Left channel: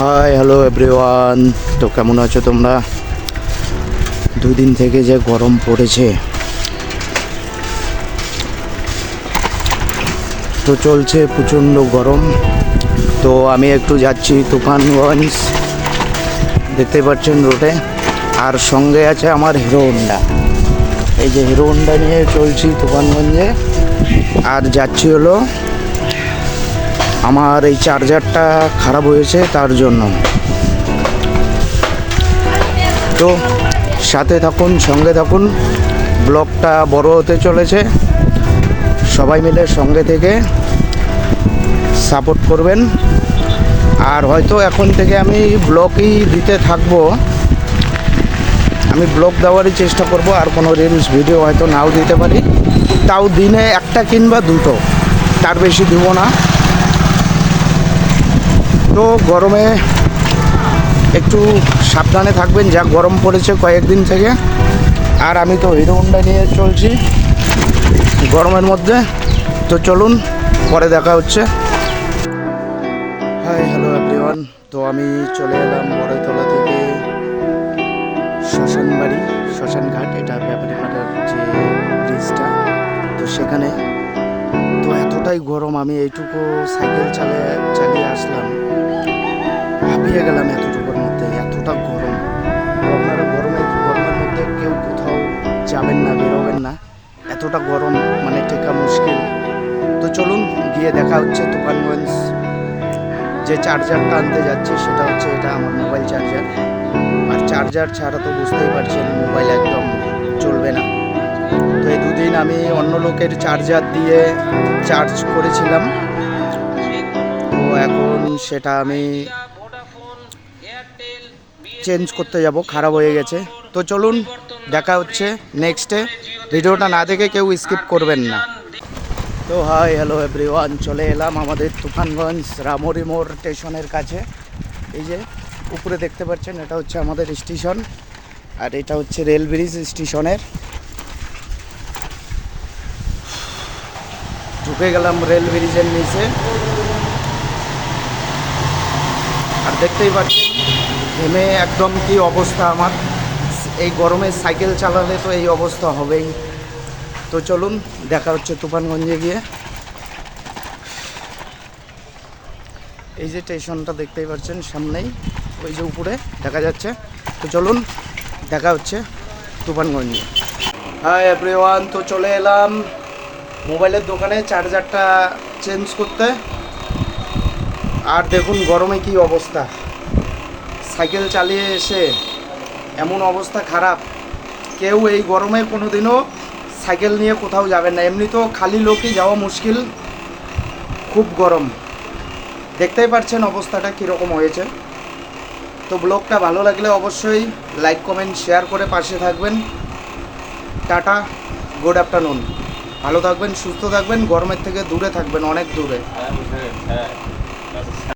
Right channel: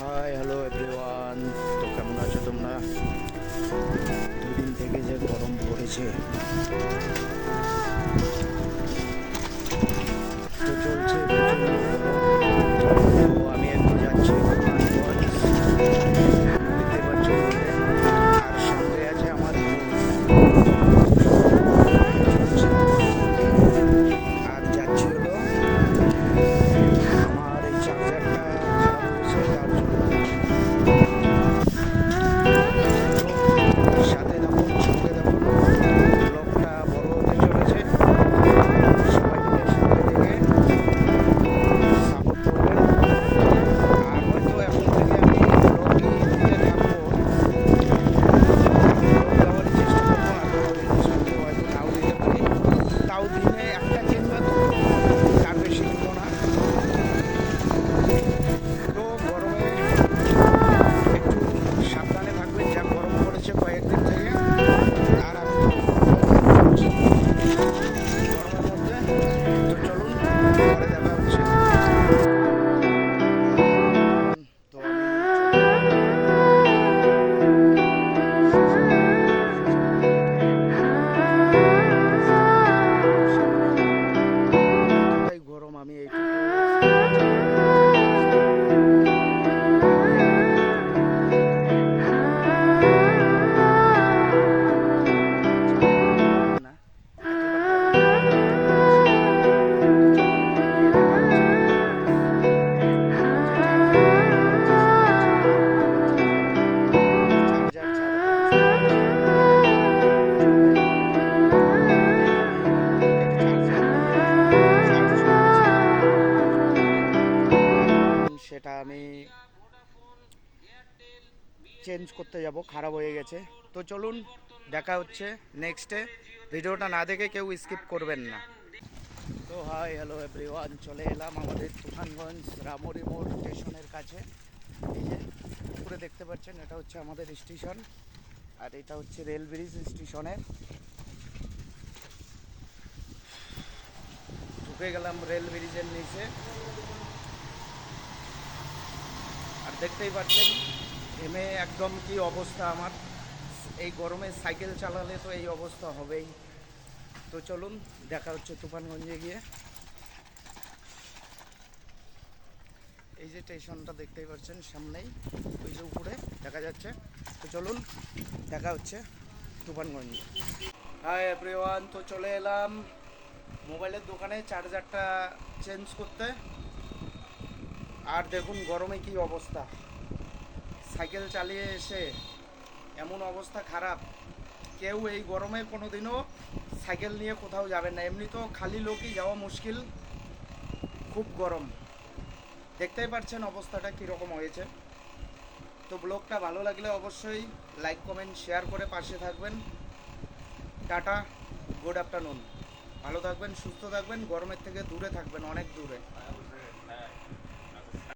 Hi hello everyone. তো কেমন আছো তোমরা? দুদিন থেকে যে গরম পড়েছে, তো চলছে প্রচণ্ড গরম। তো আমি একটু যাচ্ছি তুফানগঞ্জ, দেখতে পাচ্ছেন রোডে, আর সঙ্গে আছে আমার হিরো হোন্ডা। এই যে হিরো হোন্ডা নিয়ে চলছি তুফানগঞ্জে, আর যাচ্ছি হলো আমার এই চার্জারটা খারাপ হয়েছে তার জন্য। তো সাথে থাকুন, সঙ্গে থাকুন, ব্লগটা বড় হতে চলেছে। সবাই মিলে সঙ্গে থেকে সাপোর্ট করবেন। আর হয়তো এখন থেকে আমি ব্লগই দিতে থাকবো, আমি ব্লগ দেওয়ারই চেষ্টা করব। আর কোনো রিলস ভিডিও হয়তো নাও দিতে পারি, তাও দিনে একটা কিংবা দুটো, তার বেশি দিব না। তো গরমে একটু সাবধানে থাকবেন, যা গরম পড়েছে কয়েকদিন থেকে। আর আমি তো হিরো হোন্ডা নিয়ে চলছি গরমের মধ্যে। তো চলুন, পরে দেখা হচ্ছে। Hi hello everyone. তো আমি চলে এলাম বড়তলা থেকে শ্মশানবাড়ি, শ্মশানঘাট, এটা ব্যাপারীপাড়ার যে ব্রিজটা, তো সেখানে। তো এতটাই গরম, আমি এইটুকু সাইকেল চালিয়ে আসলাম, হাঁপিয়ে গেলাম এতটুকুর মধ্যে। এতটা গরম, আপনারা গরমের মধ্যে কেউ কোথাও যাবেন না, বেরোবেন না, এতটা গরম মানে টেকা মুশকিল। তো চলুন গিয়ে দেখা হচ্ছে তুফানগঞ্জ। যে চার্জারটা আনতে যাচ্ছি সেটা হচ্ছে এটা আমার মোবাইল চার্জার। আর চার্জার ছাড়া তো বুঝতেই পারছেন মোবাইল একদম চলবে না। তো এই দুদিন আমি অন্য লোকের চার্জার দিয়ে চার্জ করেছিলাম, তো এখন সেটা আমি চেঞ্জ করতে যাব, খারাপ হয়ে গেছে। তো চলুন দেখা হচ্ছে নেক্সটে। ভিডিওটা না দেখে কেউ স্কিপ করবেন না। তো হাই হ্যালো এভরিওয়ান, চলে এলাম আমাদের তুফানগঞ্জ রামরি মোড় স্টেশনের কাছে। এই যে উপরে দেখতে পাচ্ছেন, এটা হচ্ছে আমাদের স্টেশন, আর এটা হচ্ছে রেল ব্রিজ স্টেশনের। ঢুকে গেলাম রেল ব্রিজের নিচে, আর দেখতেই পাচ্ছেন ঘেমে একদম কি অবস্থা আমার। এই গরমে সাইকেল চালালে তো এই অবস্থা হবেই। তো চলুন দেখা হচ্ছে তুফানগঞ্জে গিয়ে। এই যে স্টেশনটা দেখতেই পাচ্ছেন সামনেই, ওই যে উপরে দেখা যাচ্ছে। তো চলুন দেখা হচ্ছে তুফানগঞ্জে। হাই এভরিওয়ান, তো চলে এলাম মোবাইলের দোকানে চার্জারটা চেঞ্জ করতে। আর দেখুন গরমে কি অবস্থা, সাইকেল চালিয়ে এসে এমন অবস্থা খারাপ। কেউ এই গরমে কোনো দিনও সাইকেল নিয়ে কোথাও যাবেন না, এমনি তো খালি লোকই যাওয়া মুশকিল, খুব গরম। দেখতেই পাচ্ছেন অবস্থাটা কীরকম হয়েছে। তো ব্লগটা ভালো লাগলে অবশ্যই লাইক কমেন্ট শেয়ার করে পাশে থাকবেন। Tata, good afternoon. ভালো থাকবেন, সুস্থ থাকবেন, গরমের থেকে দূরে থাকবেন, অনেক দূরে।